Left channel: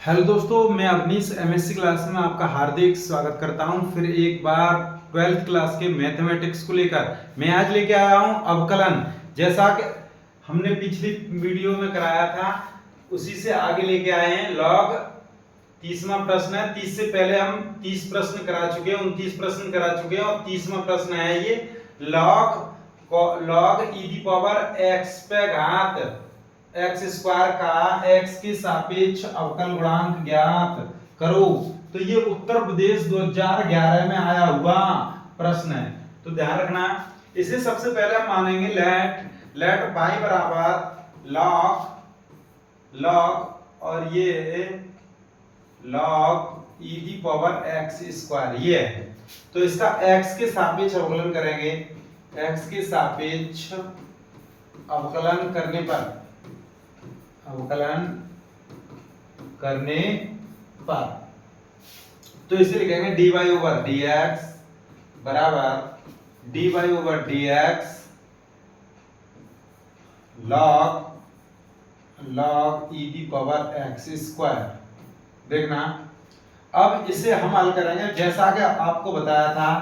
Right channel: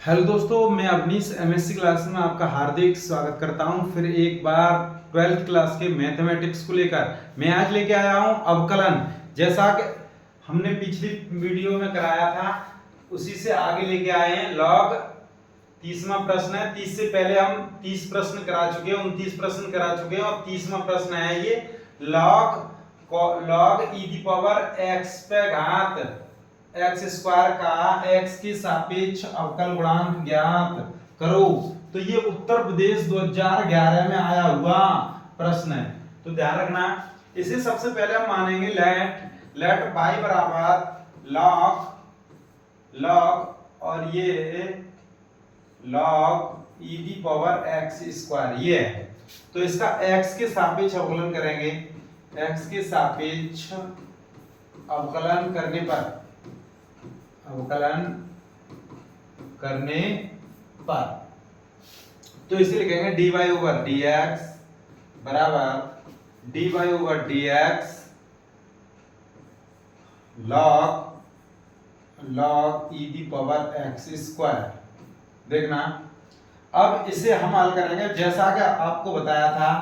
Hello दोस्तों, मैं Awanish MSc class में आपका हार्दिक स्वागत करता हूं। फिर एक बार 12th क्लास के मैथमेटिक्स को लेकर मैं आज लेके आया हूं अवकलन। जैसा कि हमने पिछली वीडियो में कराया था उसी से आगे लेके आए हैं। लॉग 30वां प्रश्न है। 30 से पहले हम 30 प्रश्न करा चुके हैं, 29 प्रश्न करा चुके हैं और 30वां प्रश्न है ये log E the power x पे घात एक्स स्क्वायर का एक्स के सापेक्ष अवकल गुणांक ज्ञात करो। तो ये उत्तर प्रदेश 2011 में आया हुआ प्रश्न है, तो ध्यान रखना। इसे सबसे पहले हम मानेंगे लेट पाई बराबर लॉग और ये log E the power x square ये है। तो इसका एक्स के सापेक्ष अवकलन करेंगे। एक्स के सापेक्ष अवकलन करने पर तो इसे लिखेंगे dy ओवर dx बराबर dy over dx log e the power x square. देखना, अब इसे हम हल करेंगे जैसा कि आपको बताया था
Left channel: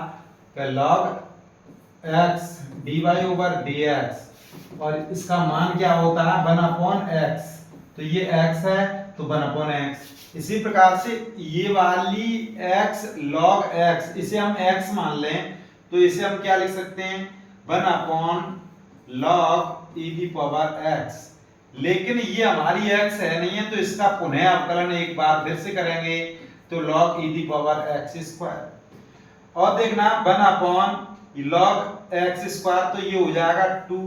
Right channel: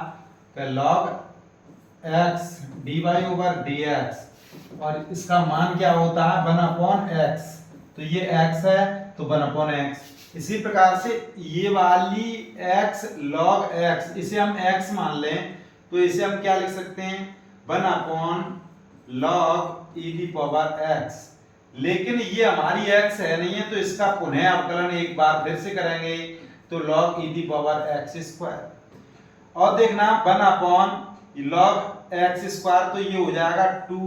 कि log x dy over dx और इसका मान क्या होता है 1/x। तो ये x है तो 1/x। इसी प्रकार से ये वाली x log x इसे हम x मान लें तो इसे हम क्या लिख सकते हैं 1/log e the power x। लेकिन ये हमारी x है नहीं है, तो इसका पुनः अवकलन एक बार फिर से करेंगे तो log e the power x square. और देखना 1/log x स्क्वायर तो ये हो जाएगा 2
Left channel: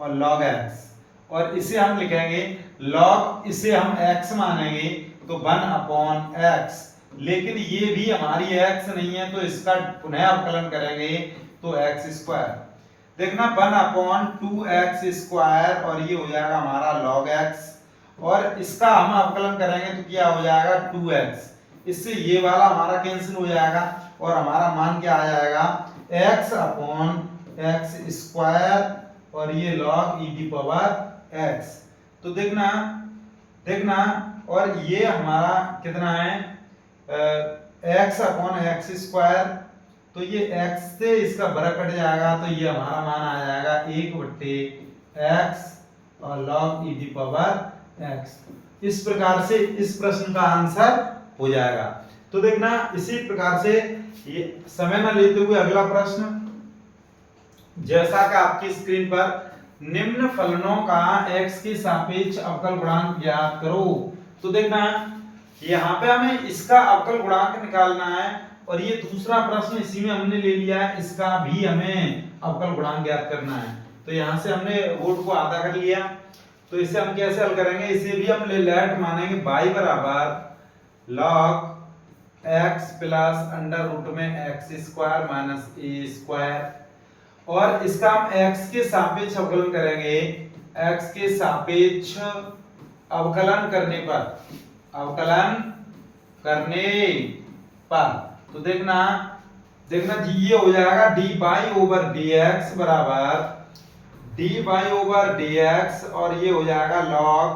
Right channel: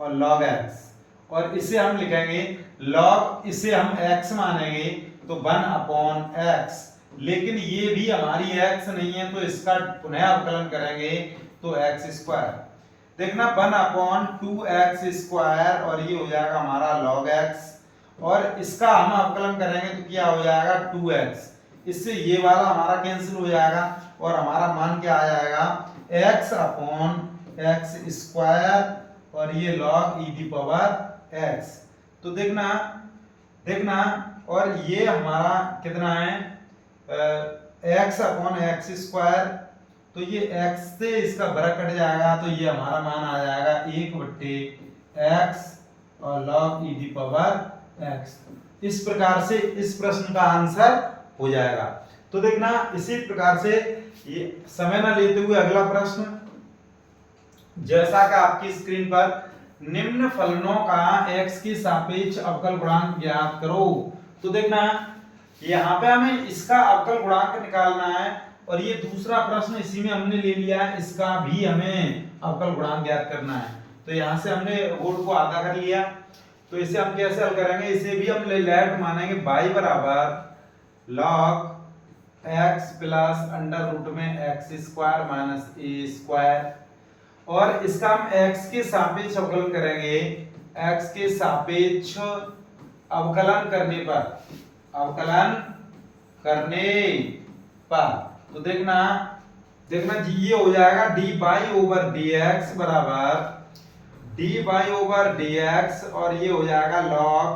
और log x और इसे हम लिखेंगे log, इसे हम x मानेंगे तो 1/x। लेकिन ये भी हमारी x नहीं है तो इसका पुनः अवकलन करेंगे तो x स्क्वायर। देखना 1/2x स्क्वायर और ये हो जाएगा हमारा log x और इसका हम अवकलन करेंगे तो क्या हो जाएगा 2x। इससे ये वाला हमारा कैंसिल हो जाएगा और हमारा मान क्या आ जाएगा x/x स्क्वायर और ये log e the power x। तो देखना और ये हमारा कितना है x/x स्क्वायर। तो ये x से इसका वर्ग कट जाएगा तो ये हमारा मान आ जाएगा 1/x और log e the power x। इस प्रकार से इस प्रश्न का आंसर हो जाएगा। तो देखना इसी प्रकार से ये समय ना लेते हुए अगला प्रश्न, जैसा कि आपकी स्क्रीन पर निम्न फलनों का x के सापेक्ष अवकल गुणांक ज्ञात करो। तो देखना यहाँ पे हमें इसका अवकल गुणांक निकालना है और ये दूसरा प्रश्न इसी में हमने ले लिया है, इसका भी हमें अवकल गुणांक ज्ञात करना है। तो यहाँ से हमने वोट को आधा कर लिया, तो इसे हम कैसे हल करेंगे, इसे भी हम लेट मानेंगे y बराबर log x plus under root में x square minus a square और इसका हम x के सापेक्ष अवकलन करेंगे। x के सापेक्ष अवकलन करने पर तो देखना जी ये हो जाएगा dy ओवर dx बराबर dy ओवर dx और ये हो जाएगा log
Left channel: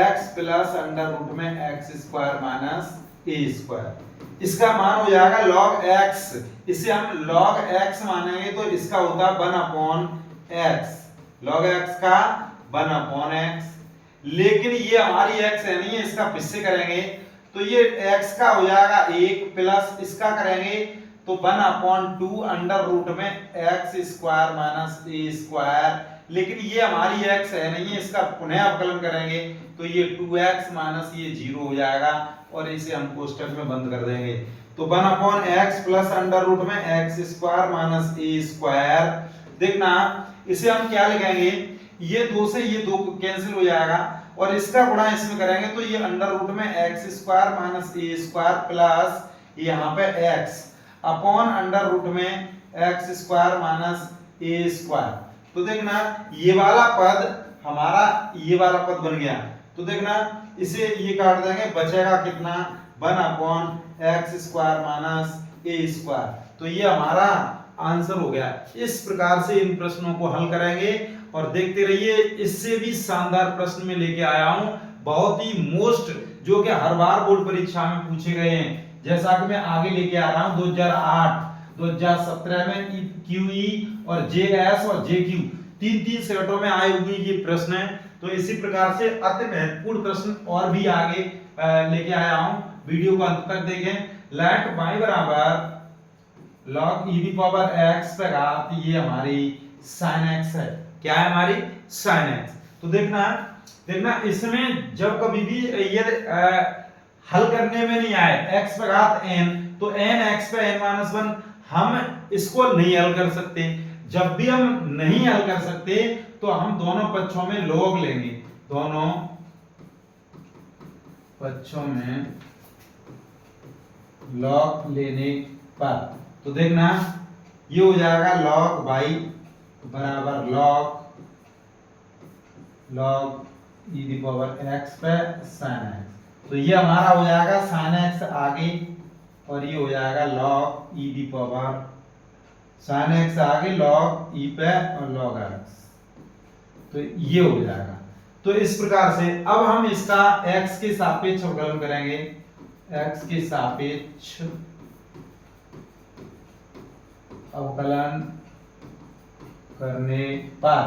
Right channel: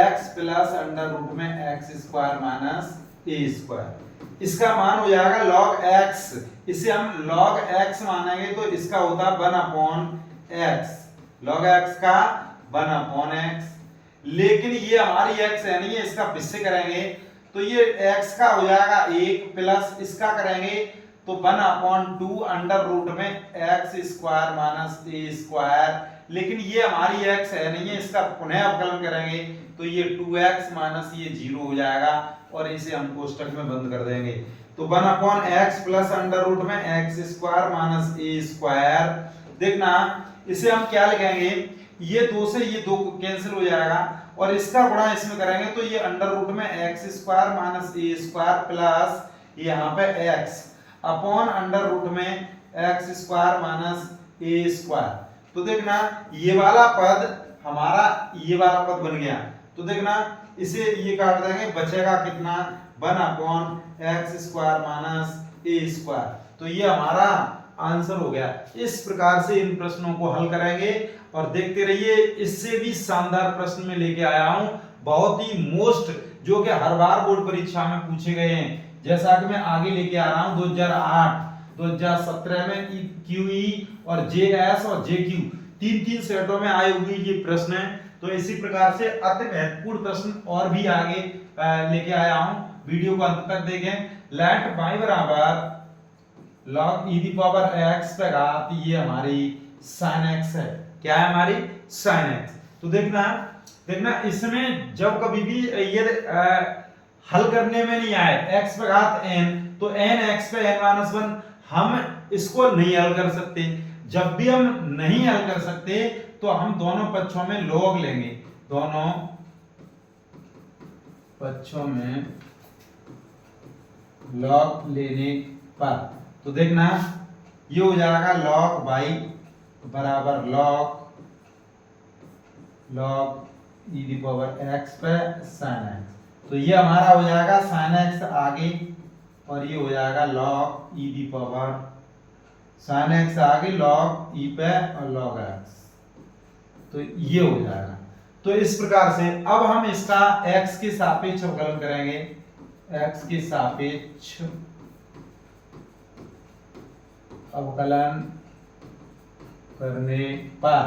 x plus under root में x square minus a square. इसका मान हो जाएगा log x, इसे हम log x मानेंगे तो इसका होता है 1/x, log x का 1/x। लेकिन ये हमारी x है नहीं है, इसका फिर करेंगे तो ये x का हो जाएगा 1 प्लस इसका करेंगे तो 1/2 अंडर रूट में x square minus a square. लेकिन ये हमारी x है नहीं है, इसका पुनः अवकलन करेंगे तो ये 2x माइनस ये 0 हो जाएगा और इसे हम कोष्टक में बंद कर देंगे। तो 1/x प्लस अंडर रूट में x square minus a square. देखना इसे हम क्या लिखेंगे, ये 2 से ये 2 कैंसिल हो जाएगा और इसका गुणा इसमें करेंगे तो ये अंडर रूट में x square minus a square plus यहाँ पे x अपॉन अंडर रूट में x square minus a square. तो देखना ये वाला पद हमारा ये वाला पद बन गया। तो देखना इसे ये काट देंगे, बचेगा कितना 1/x square minus a square. तो ये हमारा आंसर हो गया। इस प्रकार से इन प्रश्नों को हल करेंगे और देखते रहिए, इससे भी शानदार प्रश्न में लेके आया हूं। बहुत ही मोस्ट जो कि हर बार बोर्ड परीक्षा में पूछे गए हैं। जैसा कि मैं आगे लेके आ रहा हूं 2008 2017 में QE और JS और JQ तीन तीन सेटों में आए हुए ये प्रश्न है। तो इसी प्रकार से अति महत्वपूर्ण प्रश्न और भी आगे लेके आया हूं, वीडियो को अंत तक देखें। लेट y बराबर log e की पावर x पे घात, ये हमारी sin x है। क्या है हमारी sin x। तो देखना इसमें जब कभी भी ये हल करने में नहीं आए x पे घात n, तो n x पे n-1 हम इसको नहीं हल कर सकते। जब भी हम नहीं हल कर सकते तो हम दोनों पक्षों में log लेंगे, दोनों पक्षों में log लेने पर। तो देखना ये हो जाएगा log y बराबर log e की पावर x पे sin x। तो ये हमारा हो जाएगा sin x आगे, और ये हो जाएगा log e की पावर sin x आगे log e पे और log x। तो ये हो जाएगा। तो इस प्रकार से अब हम इसका x के सापेक्ष अवकलन करेंगे, x के सापेक्ष अवकलन करने पर।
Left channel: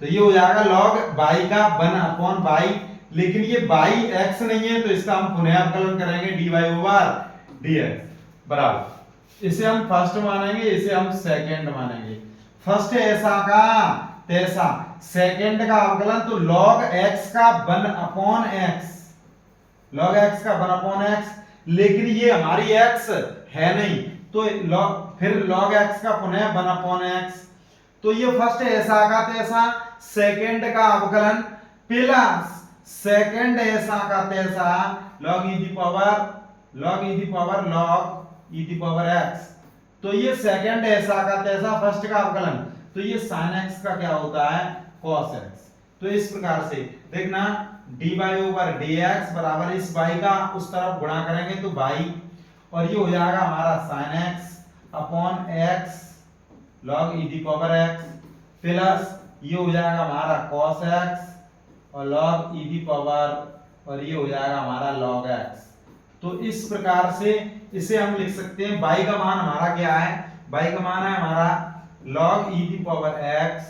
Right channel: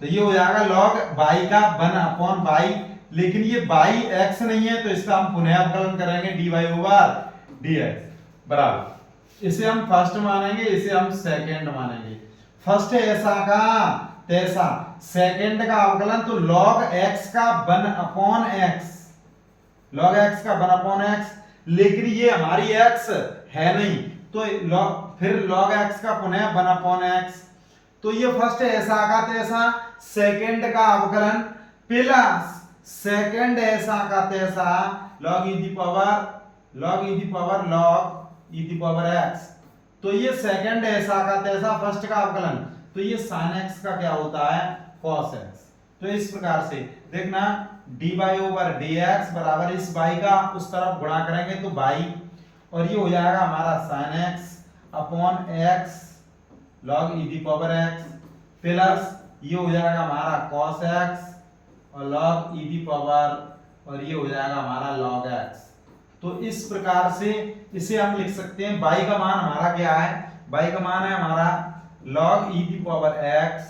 तो ये हो जाएगा log y का 1/y, लेकिन ये y x नहीं है तो इसका हम पुनः अवकलन करेंगे dy ओवर dx बराबर, इसे हम फर्स्ट मानेंगे, इसे हम सेकंड मानेंगे। फर्स्ट है ऐसा का तैसा, सेकंड का अवकलन तो log x का 1/x, log x का 1/x, लेकिन ये हमारी x है नहीं तो फिर log x का पुनः 1/x। तो ये फर्स्ट ऐसा का तैसा, सेकंड का अवकलन प्लस सेकंड ऐसा का तैसा log e की पावर log e की पावर x। तो ये सेकंड ऐसा का तैसा फर्स्ट का अवकलन, तो ये sin x का क्या होता है cos x। तो इस प्रकार से देखना dy ओवर dx बराबर इस y का उस तरफ गुणा करेंगे तो y, और ये हो जाएगा हमारा sin x upon x log e की पावर x प्लस ये हो जाएगा हमारा cos x और log e की पावर, और ये हो जाएगा हमारा log x। तो इस प्रकार से इसे हम लिख सकते हैं। y का मान हमारा क्या है, y का मान है हमारा log e की पावर x,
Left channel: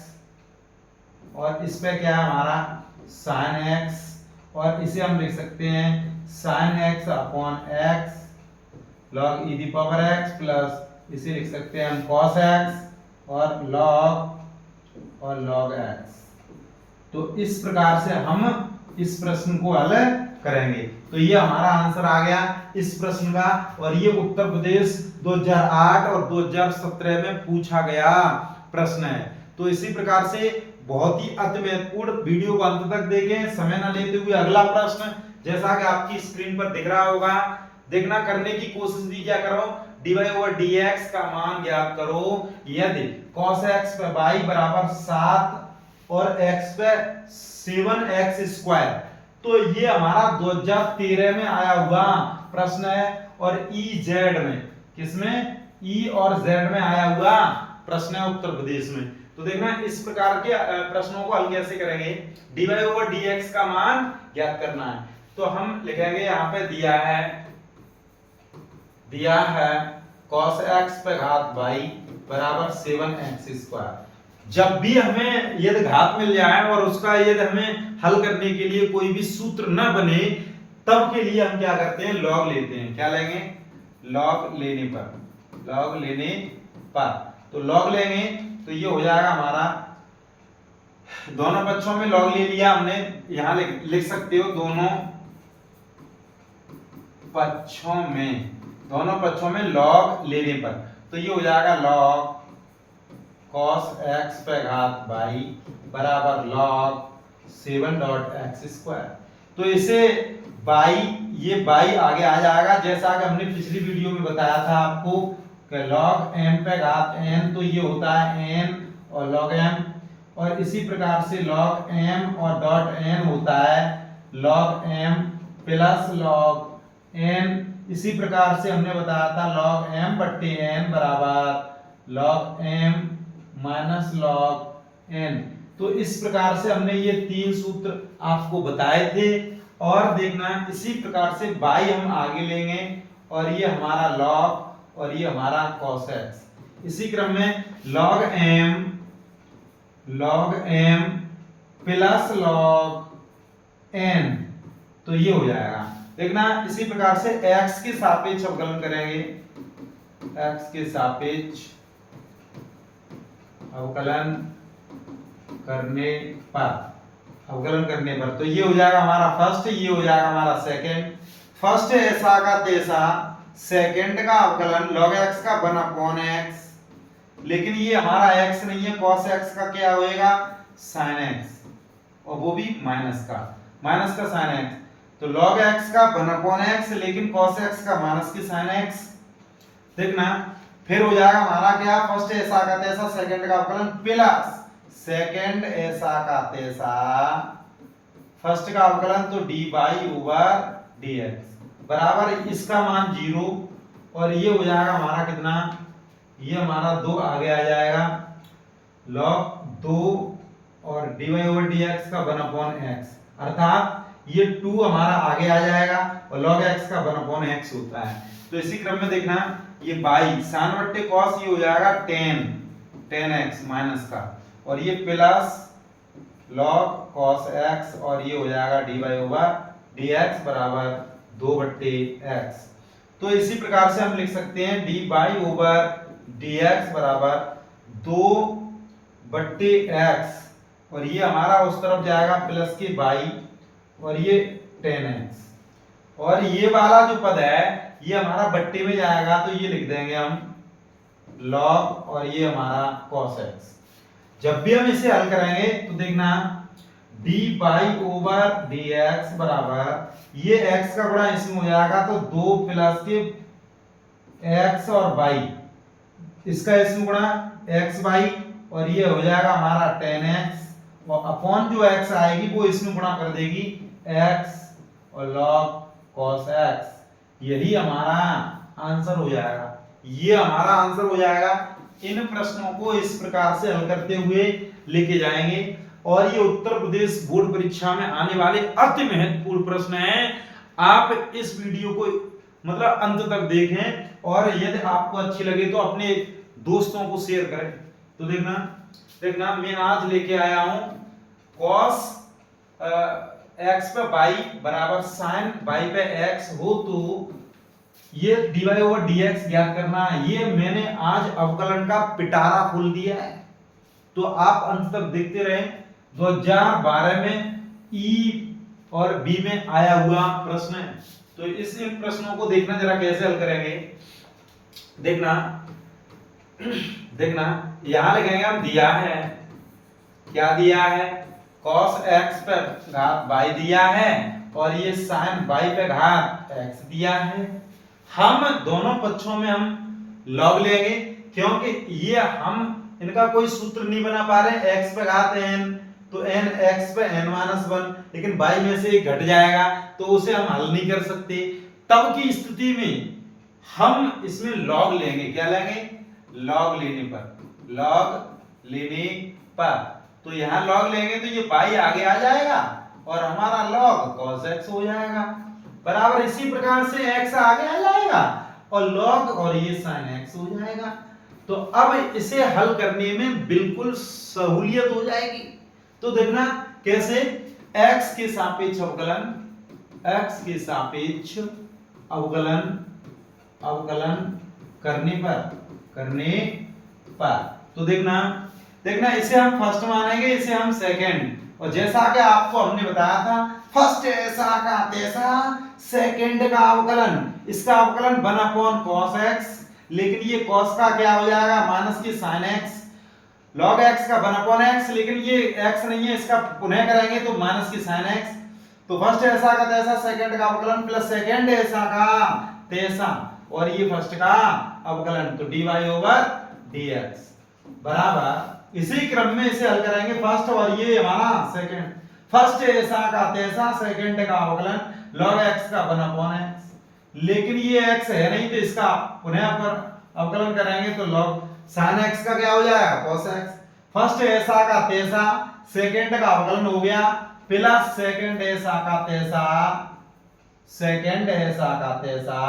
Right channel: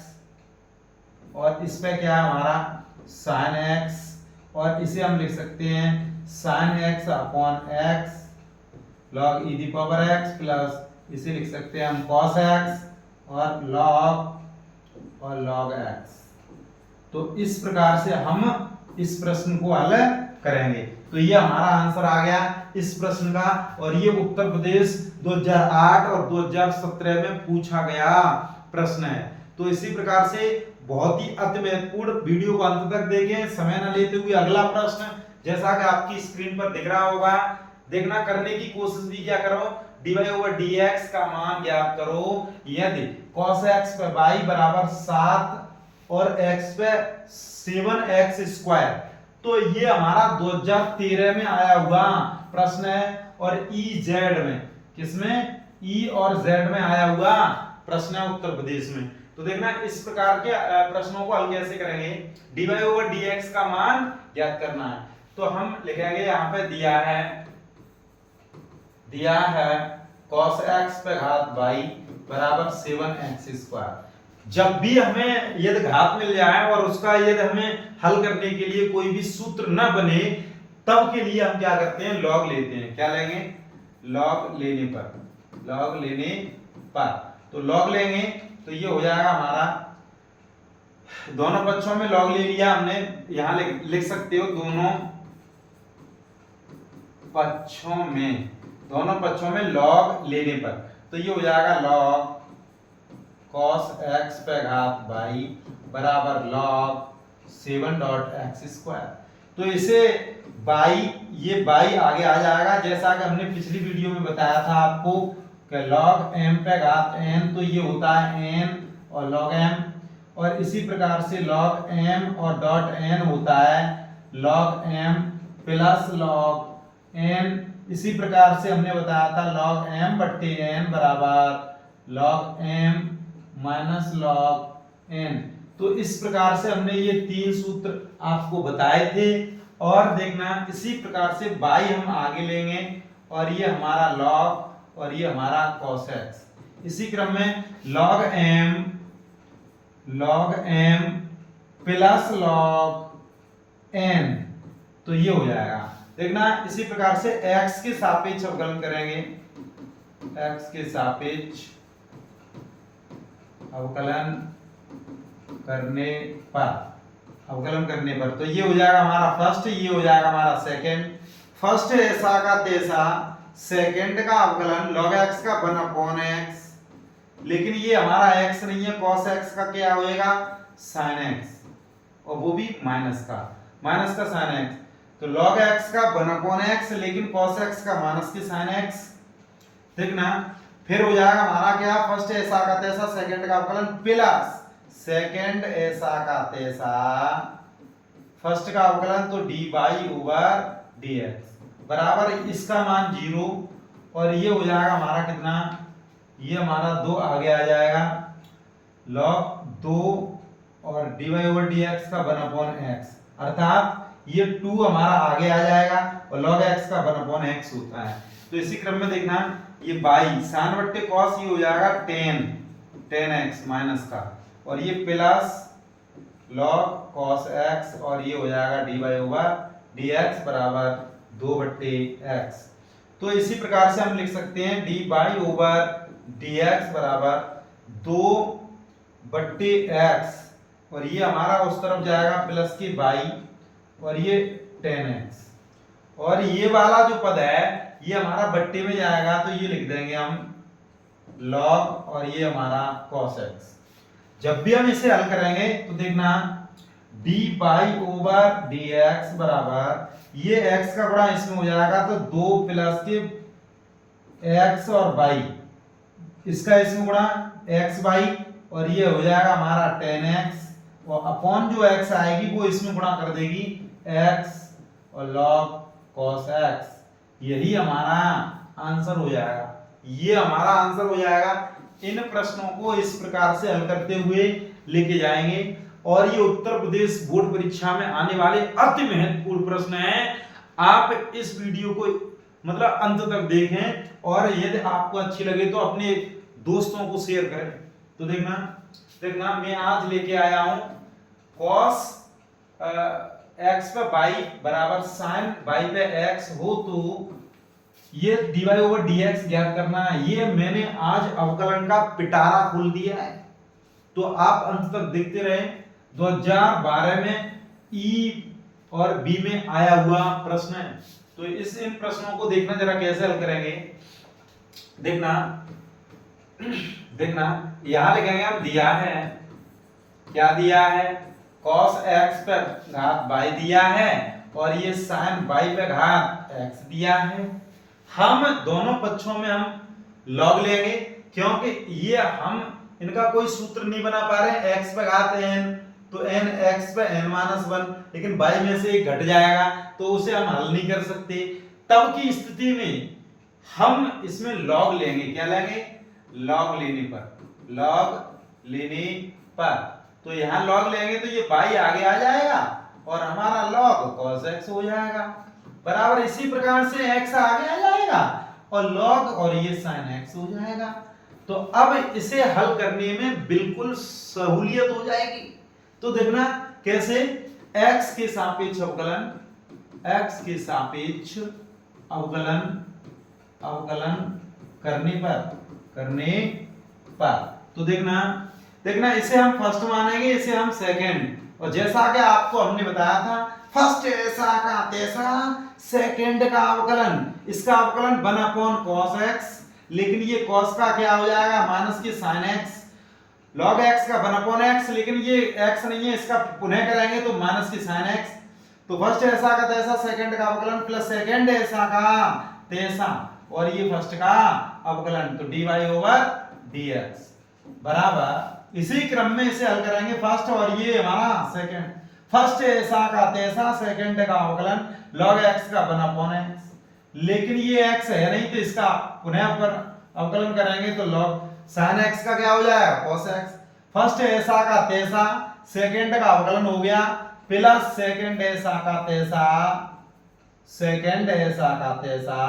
और इस पे क्या है हमारा sin x, और इसे हम लिख सकते हैं sin x upon x log e की पावर x प्लस इसे लिख सकते हैं हम cos x और log x। तो इस प्रकार से हम इस प्रश्न को हल करेंगे। तो ये हमारा आंसर आ गया इस प्रश्न का, और ये उत्तर प्रदेश 2008 और 2017 में पूछा गया प्रश्न है। तो इसी प्रकार से बहुत ही अति महत्वपूर्ण, वीडियो को अंत तक देखें, समय न लेते हुए अगला प्रश्न जैसा कि आपकी स्क्रीन पर दिख रहा होगा, देखना करने की कोशिश भी क्या करो, dy ओवर dx का मान ज्ञात करो यदि cos x पे y बराबर 7 और x पे 7x स्क्वायर। तो ये हमारा 2013 में आया हुआ प्रश्न है, और EZ में, किसमें E और Z में आया हुआ प्रश्न है उत्तर प्रदेश में। तो देखना इस प्रकार के प्रश्नों को हल कैसे करेंगे, dy ओवर dx का मान ज्ञात करना है। तो हम लिखेंगे यहाँ पे दिया है cos x पे घात y बराबर 7x स्क्वायर। जब भी हमें यदि घात मिल जाए और उसका यदि हमें हल करने के लिए कोई भी सूत्र न बने, तब के लिए हम क्या करते हैं, log लेते हैं। क्या लेंगे, log लेने पर। तो log लेंगे तो ये हो जाएगा हमारा, दोनों पक्षों में log ले लिया हमने, यहां लिख सकते हो दोनों पक्षों में log लेने पर। तो ये हो जाएगा log cos x पे घात y बराबर log 7.x स्क्वायर। तो इसे ये y आगे आ जाएगा, जैसा कि हमने पिछली वीडियो में बताया था आपको कि log m पे घात n, तो ये होता है n और log m, और इसी प्रकार से log m और डॉट n होता है log m plus log n। इसी प्रकार से हमने बताया था log m बट्टे n बराबर log m minus log n। तो इस प्रकार से हमने ये तीन सूत्र आपको बताए थे, और देखना इसी प्रकार से बाई हम आगे लेंगे और ये हमारा log और ये हमारा cos x। इसी क्रम में log m plus log n, तो ये हो जाएगा। देखना इसी प्रकार से x के सापेक्ष अवकलन करेंगे, x के सापेक्ष अवकलन करने पर तो ये हो जाएगा हमारा फर्स्ट, ये हो जाएगा हमारा सेकंड। फर्स्ट ऐसा का तैसा, सेकंड का अवकलन log x का 1/x, लेकिन ये हमारा x नहीं है, cos x का क्या होएगा sin x, और वो भी माइनस का sin x। तो log x का 1/x, लेकिन cos x का माइनस की sin x। देखना फिर हो जाएगा हमारा क्या, फर्स्ट ऐसा का तैसा, सेकंड का अवकलन प्लस सेकंड ऐसा का तैसा, फर्स्ट का अवकलन तो dy ओवर dx बराबर इसका मान 0, और ये हो जाएगा हमारा कितना, ये हमारा 2 आगे आ जाएगा, log 2 और dy ओवर dx का 1/x, अर्थात ये 2 हमारा आगे आ जाएगा और log x का 1/x होता है। तो इसी क्रम में देखना ये बाई sin बट्टे cos, ये हो जाएगा 10x माइनस का, और ये प्लस log cos x, और ये हो जाएगा dy ओवर dx बराबर 2/x। तो इसी प्रकार से हम लिख सकते हैं dy ओवर dx बराबर 2/x, और ये हमारा उस तरफ जाएगा प्लस के बाई, और ये 10x, और ये वाला जो पद है ये हमारा बट्टे में जाएगा, तो ये लिख देंगे हम log, और ये हमारा cos x। जब भी हम इसे हल करेंगे तो देखना dy ओवर dx बराबर ये x का गुणा इसमें हो जाएगा, तो 2 प्लस के x और y, इसका इसमें गुणा x y, और ये हो जाएगा हमारा 10x, और अपॉन जो x आएगी वो इसमें गुणा कर देगी x और log cos x। यही हमारा आंसर हो जाएगा, ये हमारा आंसर हो जाएगा। इन प्रश्नों को इस प्रकार से हल करते हुए लेके जाएंगे, और ये उत्तर प्रदेश बोर्ड परीक्षा में आने वाले अति महत्वपूर्ण प्रश्न हैं। आप इस वीडियो को मतलब अंत तक देखें, और यदि आपको अच्छी लगे तो अपने दोस्तों को शेयर करें। तो देखना मैं आज लेके आया हूं cos x पे y बराबर sin y पे x हो, तो ये dy ओवर dx ज्ञात करना है। ये मैंने आज अवकलन का पिटारा खोल दिया है, तो आप अंत तक देखते रहे। 2012 में ई और बी में आया हुआ प्रश्न है, तो इस प्रश्नों को देखना जरा कैसे हल करेंगे। देखना यहां लिखेंगे हम, दिया है, क्या दिया है, cos x पे घात y दिया है, और ये sin y पे घात x दिया है। हम दोनों पक्षों में हम log लेंगे, क्योंकि ये हम इनका कोई सूत्र नहीं बना पा रहे। x पे घात n, तो n x पे n-1, लेकिन y में से घट जाएगा, तो उसे हम हल नहीं कर सकते। तब की स्थिति में हम इसमें log लेंगे, क्या लेंगे, log लेने पर, तो यहाँ log लेंगे तो ये y आगे आ जाएगा, और हमारा log cos x हो जाएगा बराबर। इसी प्रकार से x आगे आ जाएगा और log और ये sin x हो जाएगा। तो अब इसे हल करने में बिल्कुल सहूलियत हो जाएगी। तो देखना कैसे, x के सापेक्ष अवकलन करने पर तो देखना इसे हम फर्स्ट मानेंगे, इसे हम सेकंड, और जैसा कि आपको हमने बताया था फर्स्ट ऐसा का तैसा, सेकंड का अवकलन, इसका अवकलन 1/cos x, लेकिन ये cos का क्या हो जाएगा माइनस की sin x, log x का 1/x, लेकिन ये x नहीं है, इसका पुनः करेंगे तो माइनस की sin x। तो फर्स्ट ऐसा का तैसा, सेकंड का अवकलन प्लस सेकंड ऐसा का तैसा, और ये फर्स्ट का अवकलन, तो dy ओवर dx बराबर। इसी क्रम में इसे हल करेंगे फर्स्ट, और ये हमारा सेकंड, फर्स्ट ऐसा का तैसा, सेकंड का अवकलन log x का 1/x, लेकिन ये x है नहीं, तो इसका पुनः पर अवकलन करेंगे तो log sin x का क्या हो जाएगा cos x। फर्स्ट ऐसा का तैसा, सेकंड का अवकलन हो गया प्लस सेकंड ऐसा का तैसा, सेकंड ऐसा का तैसा,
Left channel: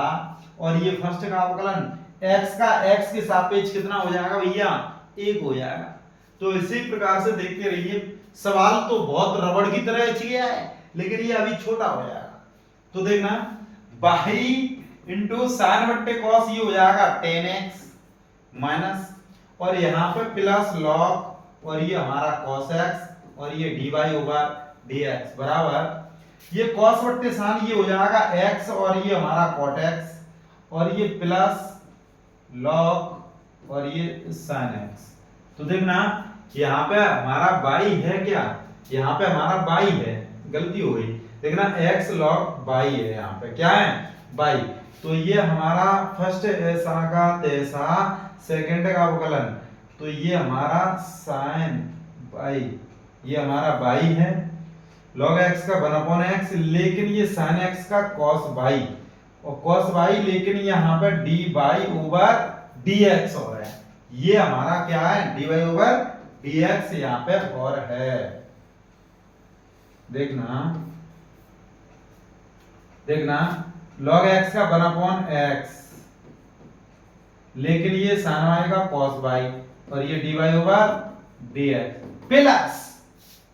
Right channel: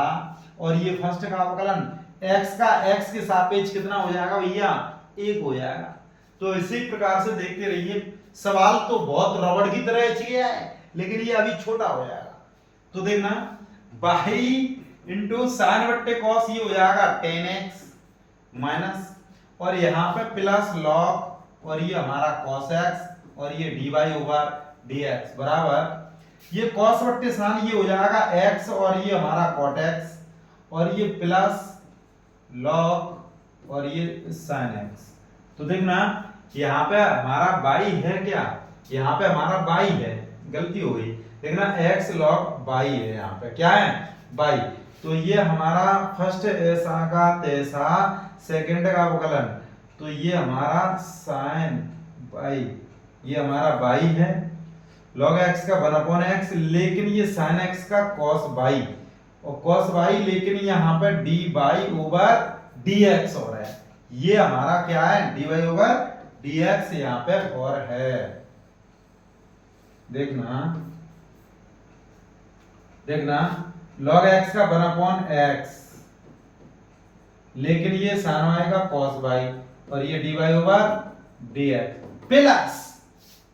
और ये फर्स्ट का अवकलन x का x के सापेक्ष कितना हो जाएगा भैया, 1 हो जाएगा। तो इसी प्रकार से देखते रहिए, सवाल तो बहुत रबड़ की तरह किया है, लेकिन ये अभी छोटा हो जाएगा। तो देखना बाई इंटू साइन बट्टे कॉस, ये हो जाएगा 10x माइनस, और यहाँ पे प्लस लॉग, और ये हमारा cos x, और ये dy ओवर dx बराबर, ये cos बट्टे साइन ये हो जाएगा x, और ये हमारा cot x, और ये प्लस लॉग, और ये sin x। तो देखना यहाँ पे हमारा बाई है क्या, यहाँ पे हमारा बाई है, गलती हो गई, देखना x log बाई है, यहाँ पे क्या है बाई। तो ये हमारा फर्स्ट ऐसा का तैसा, सेकंड का अवकलन, तो ये हमारा sin बाई, ये हमारा बाई है, log x का 1/x, लेकिन ये sin x का cos बाई, और cos बाई, लेकिन यहाँ पे dy ओवर dx हो रहा है, ये हमारा क्या है dy ओवर dx यहाँ पे और है। देखना देखना log x का 1/x, लेकिन ये sin y का cos y, और ये dy over dx plus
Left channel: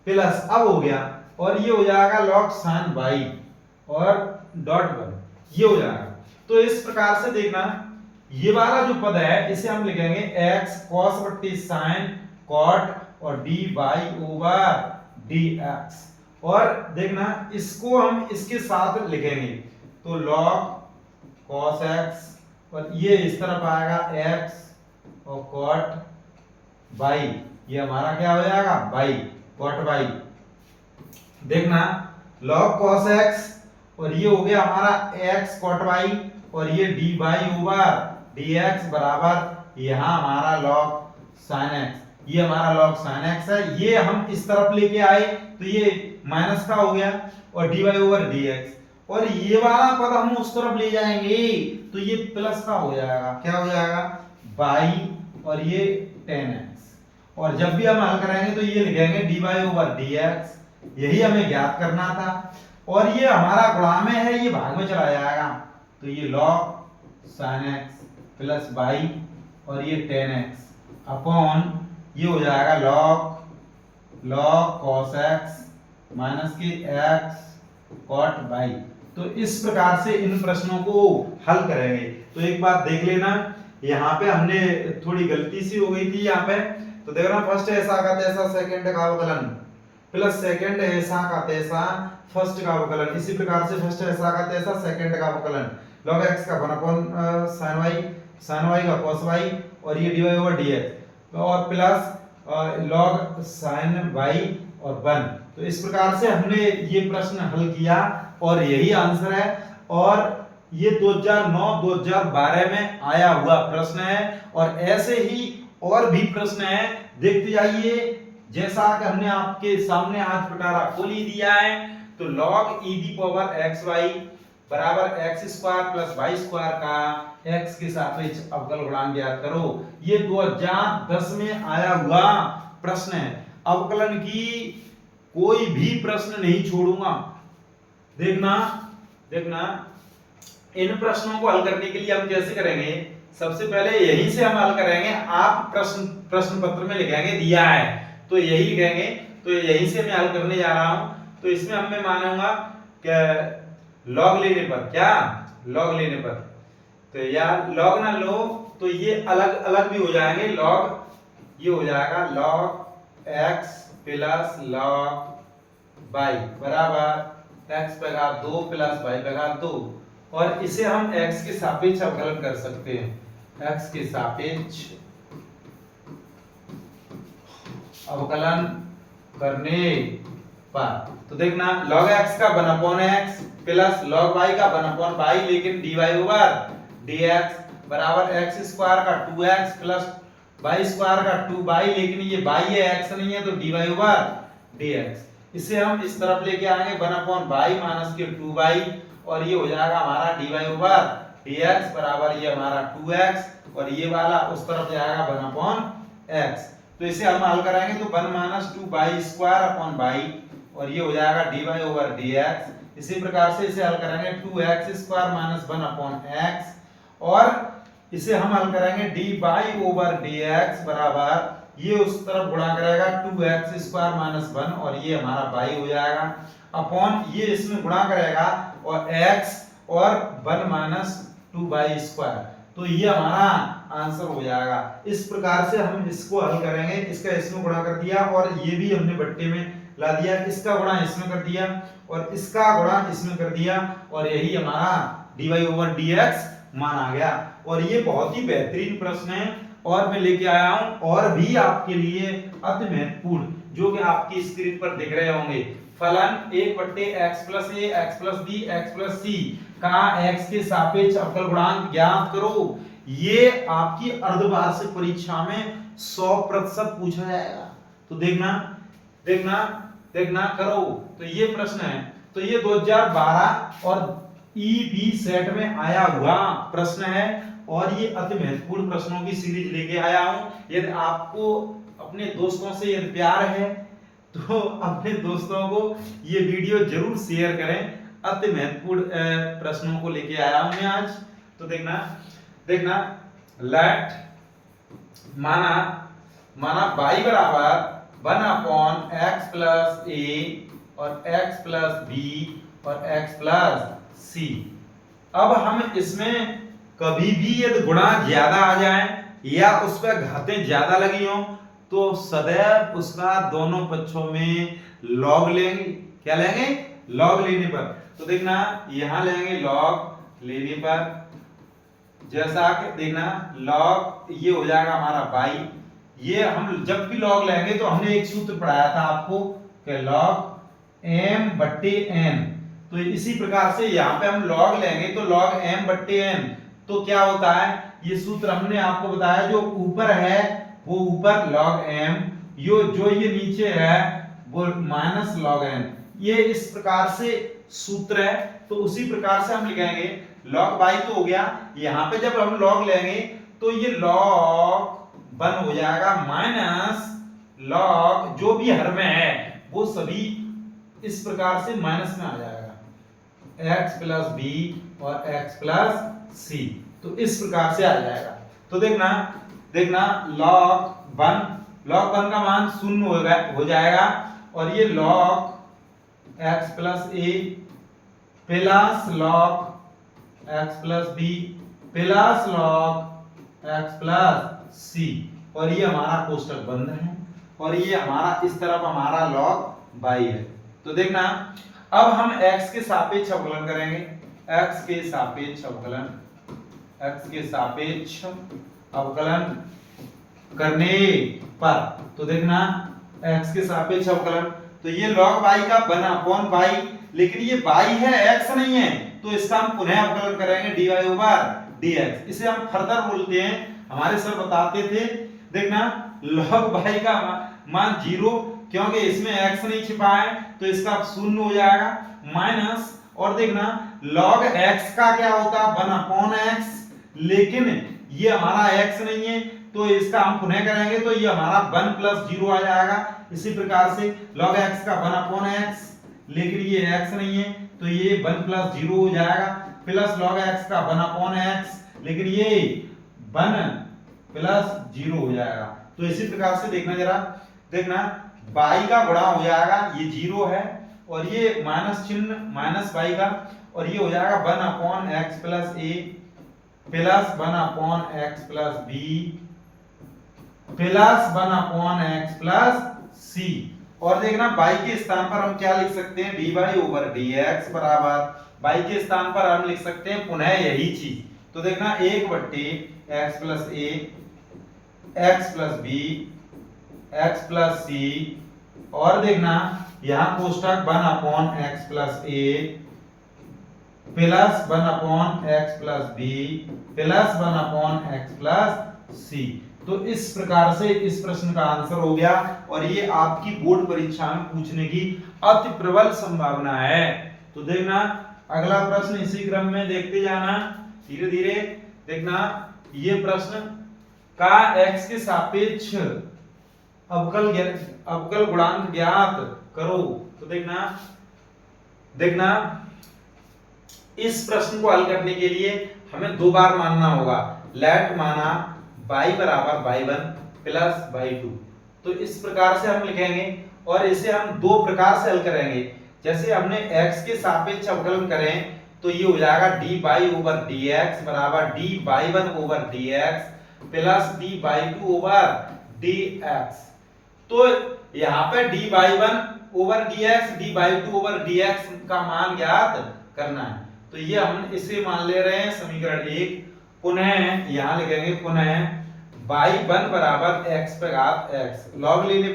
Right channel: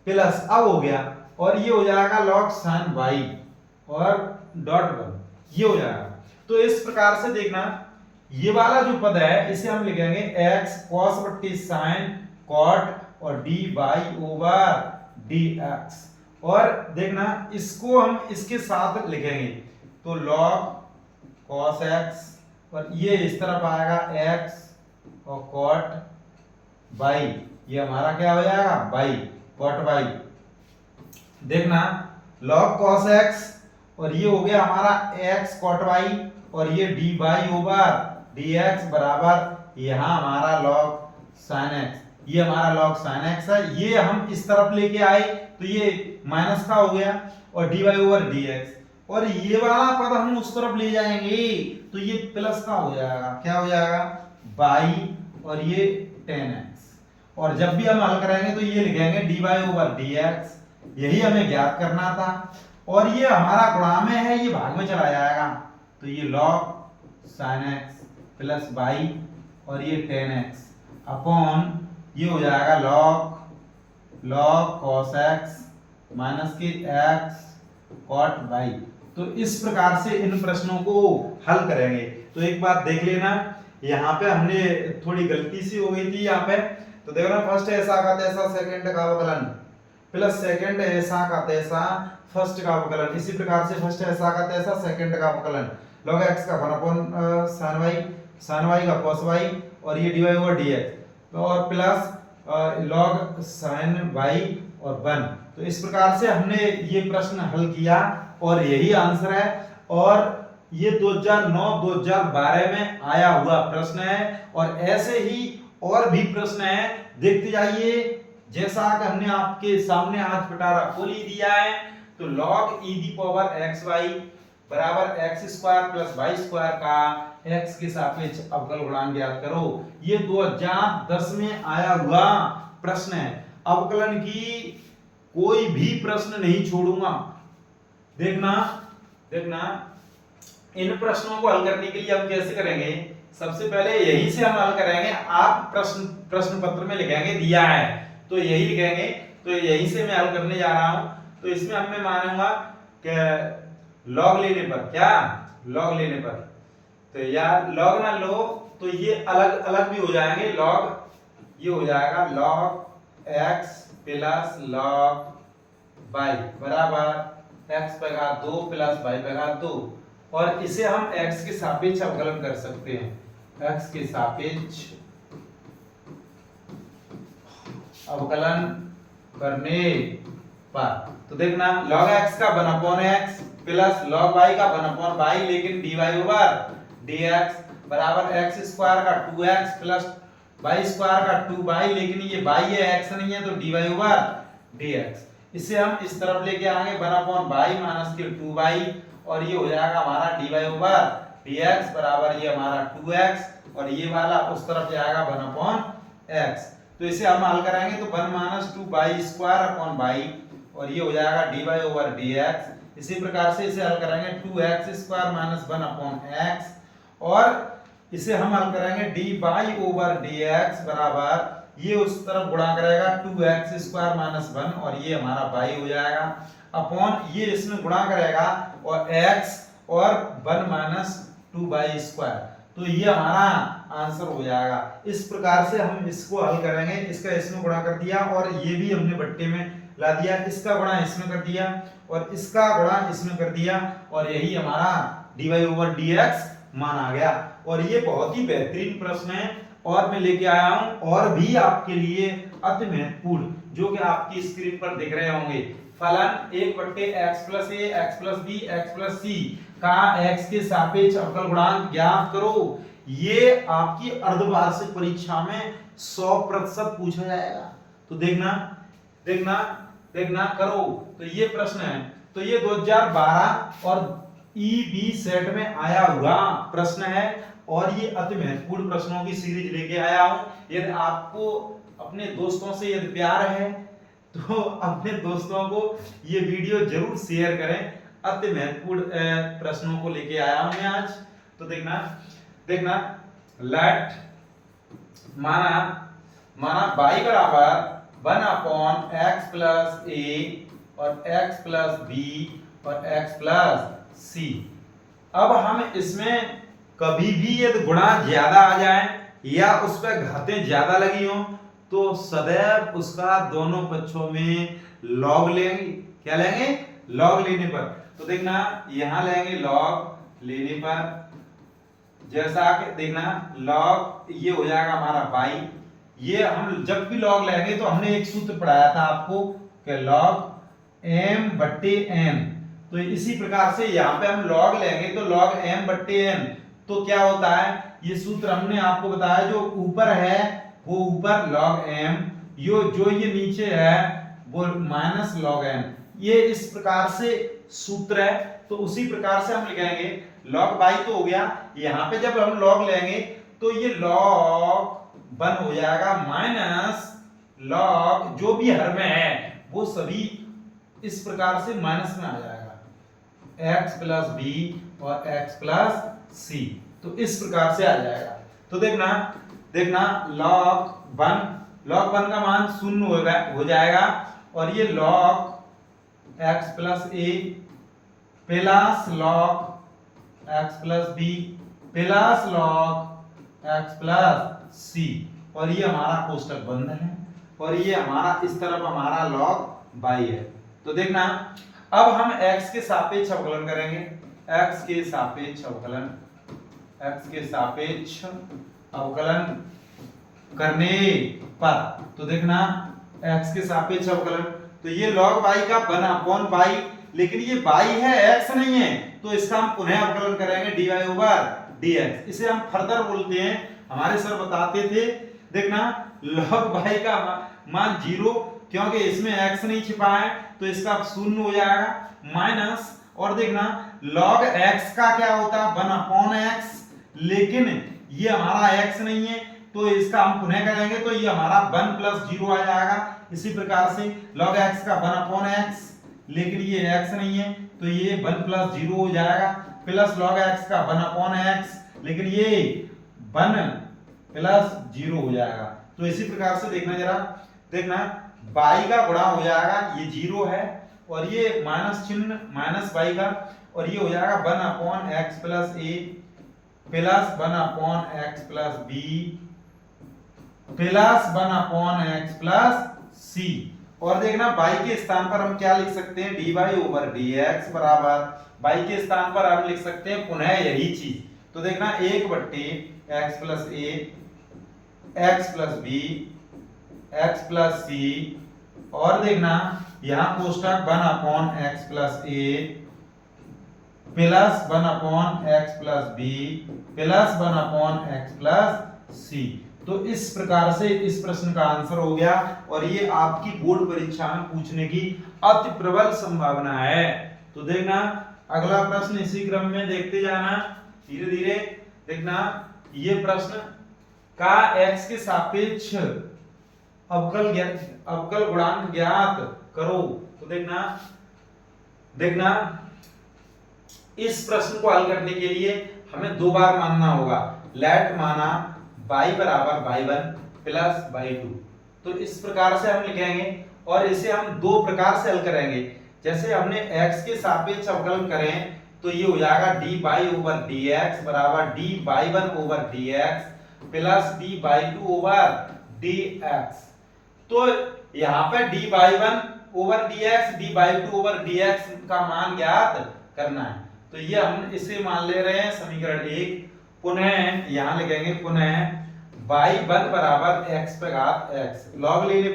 plus अब हो गया, और ये हो जाएगा log sin y और डॉट बन, ये हो जाएगा। तो इस प्रकार से देखना, ये वाला जो पद है इसे हम लिखेंगे x cos बट्टी sin cot और dy ओवर dx, और देखना इसको हम इसके साथ लिखेंगे, तो log cos x, और ये इस तरफ आएगा x और cot y, ये हमारा क्या हो जाएगा y, cot y। देखना log cos x, और ये हो गया हमारा x cot y, और ये dy ओवर dx बराबर यहाँ हमारा log sin x, ये हमारा log sin x है, ये हम इस तरफ लेके आए तो ये माइनस का हो गया, और dy ओवर dx, और ये वाला पद हम उस तरफ ले जाएंगे तो ये प्लस का हो जाएगा, क्या हो जाएगा बाई, और ये 10x, और जब भी हम हल करेंगे तो ये लिखेंगे dy ओवर dx, यही हमें ज्ञात करना था, और ये हमारा गुणा में है, ये भाग में चला जाएगा, तो ये log sin x plus by, और ये 10x अपॉन, ये हो जाएगा log cos x माइनस के x cot y। तो इस प्रकार से इन प्रश्नों को हल करेंगे। तो एक बात देख लेना, यहाँ पे हमने थोड़ी गलती सी हो गई थी यहाँ पे, तो देखो ना फर्स्ट ऐसा का तैसा, सेकंड का अवकलन प्लस सेकंड ऐसा का तैसा, फर्स्ट का अवकलन, इसी प्रकार से फर्स्ट ऐसा का तैसा, सेकंड का अवकलन, log x का 1 sin y का cos y, और ये dy ओवर dx, और प्लस log sin y और 1। तो इस प्रकार से हमने ये प्रश्न हल किया, और यही आंसर है, और ये 2009-2012 में आया हुआ प्रश्न है, और ऐसे ही और भी प्रश्न है, देखते जाइए। जैसा कि हमने आपके सामने आज पिटारा खोल ही दिया है, तो log e the power xy बराबर x square plus y square का x के सापेक्ष अवकल गुणांक ज्ञात करो, ये 2010 में आया हुआ प्रश्न है। अवकलन की कोई भी प्रश्न नहीं छोड़ूंगा। देखना देखना इन प्रश्नों को हल करने के लिए हम कैसे करेंगे, सबसे पहले यहीं से हम हल करेंगे। आप प्रश्न पत्र में लिखेंगे दिया है तो यही लिखेंगे, तो यहीं से मैं हल करने जा रहा हूं। तो इसमें हमें मानूंगा कि लॉग लेने पर, क्या लॉग लेने पर, तो यार लॉग ना लो तो ये अलग अलग भी हो जाएंगे। लॉग ये हो जाएगा log x plus log y बराबर x पे घात 2 प्लस y पे घात 2, और इसे हम x के सापेक्ष अवकलन कर सकते हैं, x के सापेक्ष अवकलन करने पर। तो देखना log x का 1/x प्लस log y का 1/y, लेकिन dy ओवर dx बराबर x स्क्वायर का 2x प्लस y स्क्वायर का 2y, लेकिन ये y है x नहीं है, तो dy ओवर dx। इसे हम इस तरफ लेके आएंगे 1/y माइनस के 2y, और ये हो जाएगा हमारा dy ओवर dx बराबर ये हमारा 2x, और ये वाला उस तरफ जाएगा 1/x। तो इसे हम हल कराएंगे तो 1 - 2y स्क्वायर अपॉन y, और ये हो जाएगा dy ओवर dx। इसी प्रकार से इसे हल करेंगे 2x square minus 1 upon x, और इसे हम हल करेंगे dy ओवर dx बराबर, ये उस तरफ गुणा करेगा 2x स्क्वायर माइनस 1 और ये हमारा y हो जाएगा, अपॉन ये इसमें गुणा करेगा और x और 1 माइनस 2y स्क्वायर, तो ये हमारा आंसर हो जाएगा। इस प्रकार से हम इसको हल करेंगे, इसका इसमें गुणा कर दिया और ये भी हमने बट्टे में ला दिया, इसका गुणा इसमें कर दिया और इसका गुणा इसमें कर दिया, और यही हमारा dy ओवर dx मान आ गया। और ये बहुत ही बेहतरीन प्रश्न है, और मैं लेके आया हूं और भी आपके लिए अति महत्वपूर्ण, जो कि आपकी स्क्रीन पर दिख रहे होंगे। फलन 1/x + a x + b x + c का x के सापेक्ष अवकल गुणांक ज्ञात करो। ये आपकी अर्धवार्षिक परीक्षा में 100% पूछा जाएगा। तो देखना देखना देखना करो। तो ये प्रश्न है, तो ये 2012 और ईबी सेट में आया हुआ प्रश्न है, और ये अति महत्वपूर्ण प्रश्नों की सीरीज लेके आया हूं। यदि आपको अपने दोस्तों से यदि प्यार है तो अपने दोस्तों को ये वीडियो जरूर शेयर करें। अति महत्वपूर्ण प्रश्नों को लेके आया हूं मैं आज। तो देखना देखना, लेट माना y बराबर 1 अपॉन x प्लस a और x प्लस b और x प्लस c। अब हम इसमें कभी भी यदि गुणा ज्यादा आ जाए या उस पर घातें ज्यादा लगी हो तो सदैव उसका दोनों पक्षों में लॉग लेंगे। क्या लेंगे? लॉग लेने पर। तो देखना यहां लेंगे लॉग लेने पर, जैसा कि देखना लॉग ये हो जाएगा हमारा y। ये हम जब भी लॉग लेंगे तो हमने एक सूत्र पढ़ाया था आपको कि लॉग m/n। तो इसी प्रकार से यहाँ पे हम लॉग लेंगे तो लॉग m/n, तो क्या होता है, ये सूत्र हमने आपको बताया, जो ऊपर है वो ऊपर log m, जो ये नीचे है वो माइनस log m। ये इस प्रकार से सूत्र है। तो उसी प्रकार से हम लिखेंगे log y तो हो गया, यहाँ पे जब हम log लेंगे तो ये log 1 हो जाएगा माइनस log जो भी हर में है वो सभी इस प्रकार से माइनस में आ जाएगा, x प्लस b और x प्लस c। तो इस प्रकार से आ जाएगा। तो देखना देखना log 1 का मान 0 हो जाएगा, और ये log x plus a plus log x plus b plus log x plus c, और ये हमारा कोष्टक बंद है, और ये हमारा इस तरफ हमारा log y है। तो देखना अब हम x के सापेक्ष अवकलन करेंगे, x के सापेक्ष अवकलन करने पर। तो देखना x के सापेक्ष अवकलन, तो ये log y का 1 अपॉन y, लेकिन ये y है x नहीं है, तो इसका हम पुनः अवकलन करेंगे dy ओवर dx। इसे हम फर्दर बोलते हैं, हमारे सर बताते थे। देखना log y का मान 0, क्योंकि इसमें x नहीं छिपा है तो इसका 0 हो जाएगा, माइनस, और देखना log x का क्या होता है 1 अपॉन x, लेकिन ये हमारा x नहीं है तो इसका हम पुनः करेंगे तो ये हमारा 1 प्लस 0 आ जाएगा। इसी प्रकार से log x का 1 अपॉन x, लेकिन ये x नहीं है तो ये 1 प्लस 0 हो जाएगा, प्लस log x का 1 अपॉन x, लेकिन ये 1 प्लस 0 हो जाएगा। तो इसी प्रकार से देखना जरा, देखना y का गुणा हो जाएगा, ये 0 है और ये माइनस चिन्ह माइनस y का, और ये हो जाएगा 1 upon x plus a plus 1 upon x plus b plus 1 upon x plus c। और देखना y के स्थान पर हम क्या लिख सकते हैं, dy ओवर dx बराबर y के स्थान पर हम लिख सकते हैं पुनः यही चीज। तो देखना 1/x plus a x plus b x plus c, और देखना यहाँ कोष्टक 1 upon x plus a plus 1 upon x plus b plus 1 upon x plus c। तो इस प्रकार से इस प्रश्न का आंसर हो गया, और ये आपकी बोर्ड परीक्षा में पूछने की अति प्रबल संभावना है। तो देखना अगला प्रश्न इसी क्रम में देखते जाना धीरे धीरे। देखना ये प्रश्न का x के सापेक्ष अवकल गुणांक ज्ञात करो। तो देखना इस प्रश्न को हल करने के लिए हमें दो बार मानना होगा। लेट माना y बराबर y1 प्लस y2, तो इस प्रकार से हम लिखेंगे और इसे हम दो प्रकार से हल करेंगे। जैसे हमने x के सापेक्ष अवकलन करें तो ये हो जाएगा dy ओवर dx बराबर dy1 over dx plus dy2 over dx। तो यहाँ पे dy1 over dx dy2 over dx का मान ज्ञात करना है। तो ये हम इसे मान ले रहे हैं समीकरण 1। पुनः यहाँ लिखेंगे पुनः y1 बराबर x पे घात x log लेने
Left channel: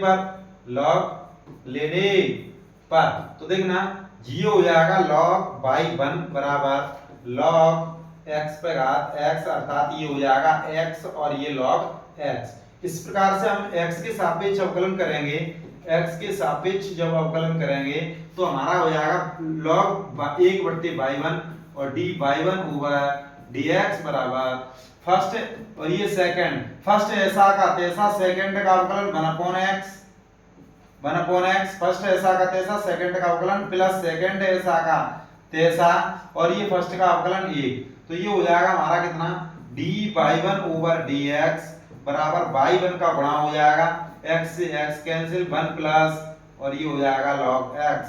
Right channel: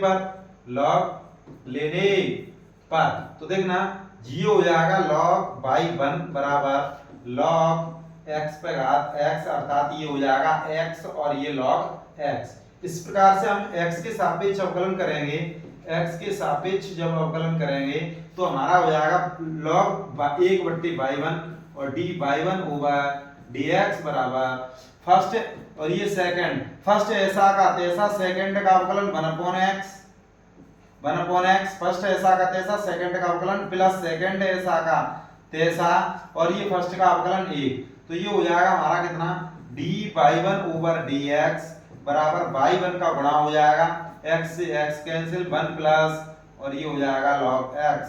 पर तो देखना जी हो जाएगा log y1 बराबर log x पे घात x, अर्थात ये हो जाएगा x और ये log x। इस प्रकार से हम x के सापेक्ष अवकलन करेंगे। x के सापेक्ष जब अवकलन करेंगे तो हमारा हो जाएगा log 1/y1 और dy1 ओवर dx बराबर फर्स्ट और ये सेकंड, फर्स्ट ऐसा का तैसा सेकंड का अवकलन 1/x फर्स्ट ऐसा का तैसा सेकंड का अवकलन प्लस सेकंड ऐसा का तैसा और ये फर्स्ट का अवकलन 1। तो ये हो जाएगा हमारा कितना dy1 ओवर dx बराबर y1 का गुणा हो जाएगा x से x कैंसिल 1 प्लस और ये हो जाएगा log x।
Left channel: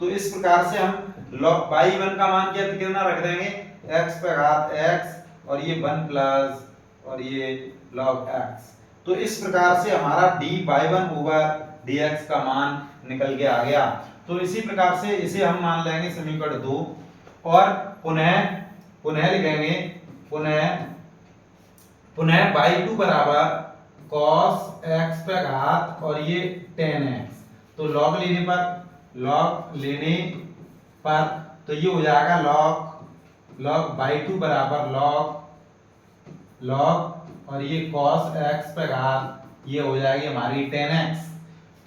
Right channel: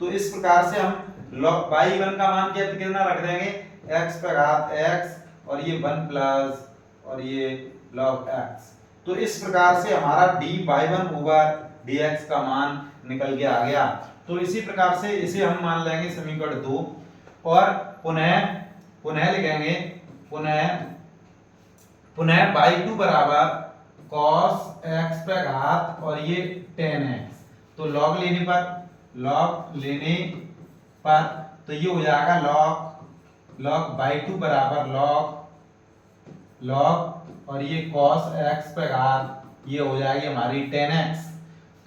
तो इस प्रकार से हम log y1 का मान कितना रख देंगे x पे घात x और ये 1 प्लस और ये log x। तो इस प्रकार से हमारा dy1 ओवर dx का मान निकल के आ गया। तो इसी प्रकार से इसे हम मान लेंगे समीकरण 2 और पुनः लिखेंगे पुनः y2 बराबर cos x पे घात और ये tan x। तो log लेने पर तो ये हो जाएगा log y2 बराबर log और ये cos x पे घात ये हो जाएगी हमारी tan x।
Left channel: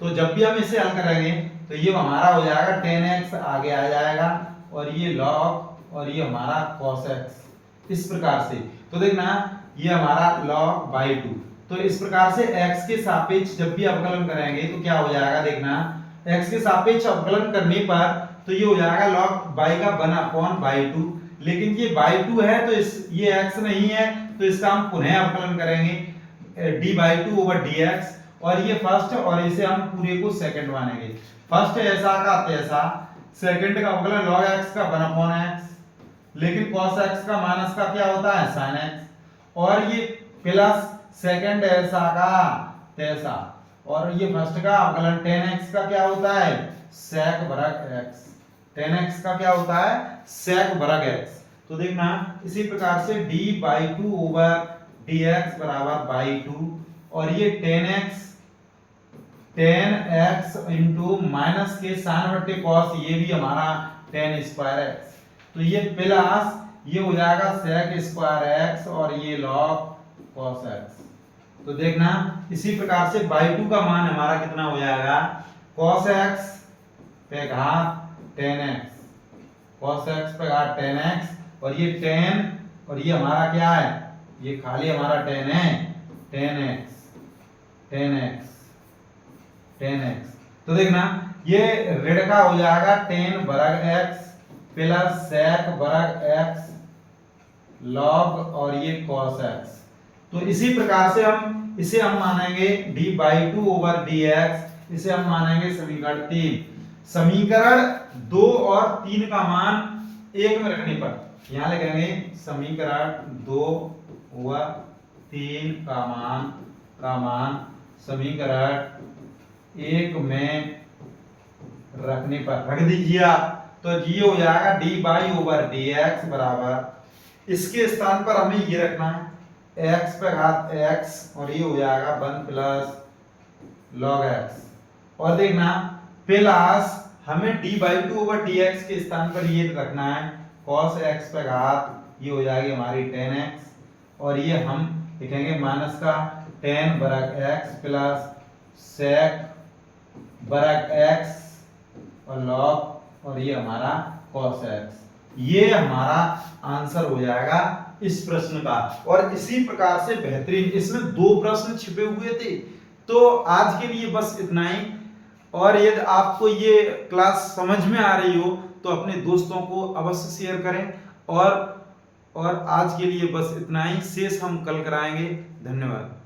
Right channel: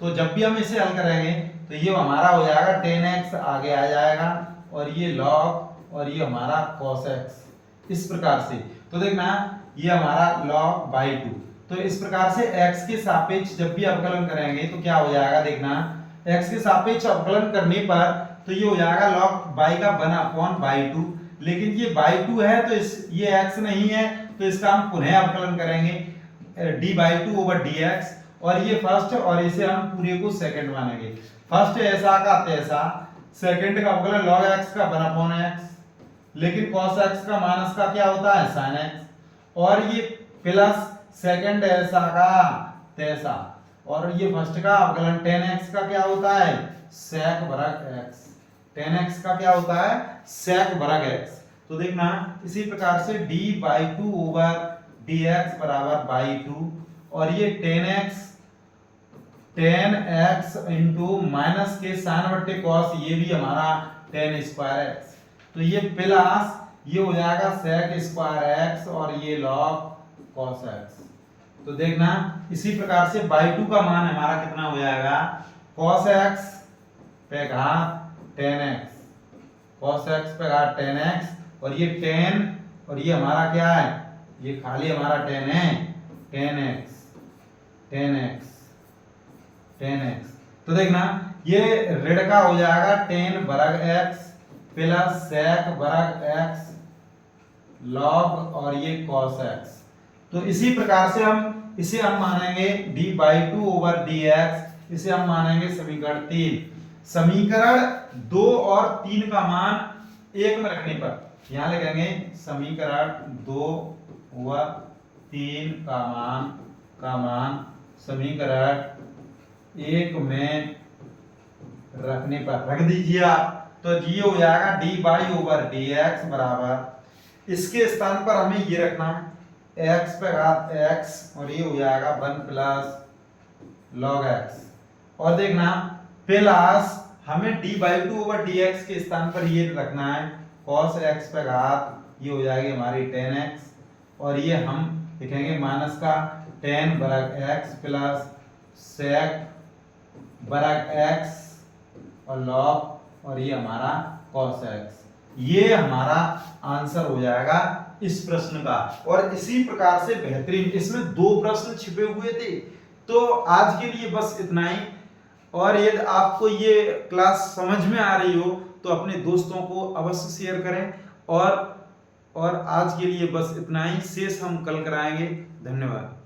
तो जब भी हम इसे हल करेंगे तो ये हमारा हो जाएगा tan x आगे आ जाएगा और ये log और ये हमारा cos x इस प्रकार से। तो देखना ये हमारा log y2। तो इस प्रकार से x के सापेक्ष जब भी अवकलन करेंगे तो क्या हो जाएगा, देखना x के सापेक्ष अवकलन करने पर तो ये हो जाएगा log y का 1/y2, लेकिन ये y2 है तो ये x नहीं है तो इसका हम पुनः अवकलन करेंगे dy2 ओवर dx और ये फर्स्ट और इसे हम पूरे को सेकंड मानेंगे। फर्स्ट ऐसा का तैसा सेकंड का अवकलन log x का 1/x, लेकिन cos x का माइनस का क्या होता है sin x और ये प्लस सेकंड ऐसा का तैसा और ये फर्स्ट का अवकलन tan x का क्या होता है sec वर्ग x। tan x का क्या होता है sec वर्ग x। तो देखना इसी प्रकार से dy2 ओवर dx बराबर by2 और ये tan x इंटू माइनस के sin बट्टे cos ये भी हमारा tan स्क्वायर x। तो ये प्लस ये हो जाएगा sec स्क्वायर x और ये log cos x। तो देखना इसी प्रकार से y2 का मान हमारा कितना हो जाएगा cos x पे घात tan x, cos x पे घात tan x और ये tan और ये हमारा क्या है ये खाली हमारा tan है tan x। तो देखना ये ऋण का हो जाएगा tan वर्ग x प्लस sec वर्ग x log और ये cos x। तो इसी प्रकार से इसे हम मानेंगे dy2 ओवर dx, इसे हम मानेंगे समीकरण 3। समीकरण 2 और 3 का मान 1 में रखने पर यहां लिखेंगे समीकरण 2 ओवर 3 का मान समीकरण 1 में रखने पर रख दीजिए तो जी हो जाएगा dy ओवर dx बराबर इसके स्थान पर हमें ये रखना है x पे घात x और ये हो जाएगा 1 प्लस log x और देखना प्लस हमें dy2 ओवर dx के स्थान पर ये रखना है cos x पे घात ये हो जाएगी हमारी tan x और ये हम लिखेंगे माइनस का tan वर्ग x प्लस sec वर्ग x और log और ये हमारा cos x। ये हमारा आंसर हो जाएगा इस प्रश्न का। और इसी प्रकार से बेहतरीन इसमें 2 प्रश्न छिपे हुए थे। तो आज के लिए बस इतना ही। और यदि आपको ये क्लास समझ में आ रही हो तो अपने दोस्तों को अवश्य शेयर करें। और आज के लिए बस इतना ही, शेष हम कल कराएंगे। धन्यवाद।